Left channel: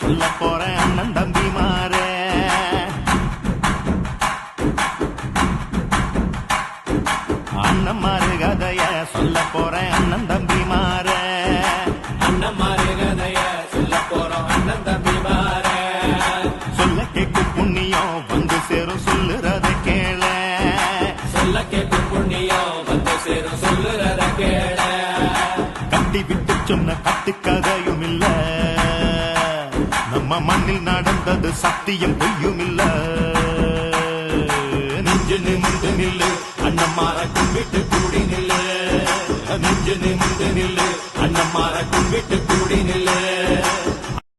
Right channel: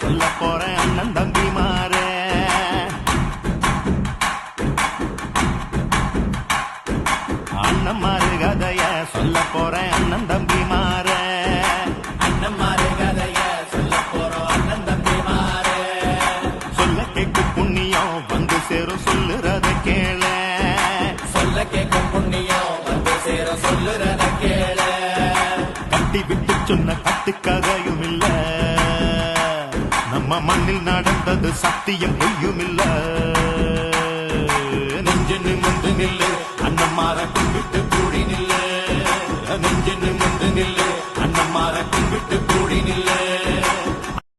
சொல்ல போறேன் அண்ணன் தம்பி மாற. அண்ணன் மாறு கதைய சொல்ல போறேன் அண்ணன் தம்பி மாற. அண்ணன் மாறு கதைய சொல்ல போறோம் அண்ணன் தம்பி மாற. சொல்ல கேட்கும் புண்ணியம் வந்து சேரும் சொல்லுறத கேள. சொல்ல கேட்கும் புண்ணியம் வந்து சேரும் சொல்லுறத கேள. கட்டி விட்டு சொன்ன கட்டுக்கதையும் இல்ல, நம்ம மண்ணில் நடந்தது சத்தியம் பொய்யும் இல்ல. நெஞ்சு நிமிந்து நில்லு அண்ணம்மார கும்பிட்டு கூடி நில்லு. நெஞ்சு நிமிந்து நில்லு அண்ணம்மார கும்பிட்டு கூடி நில்லு.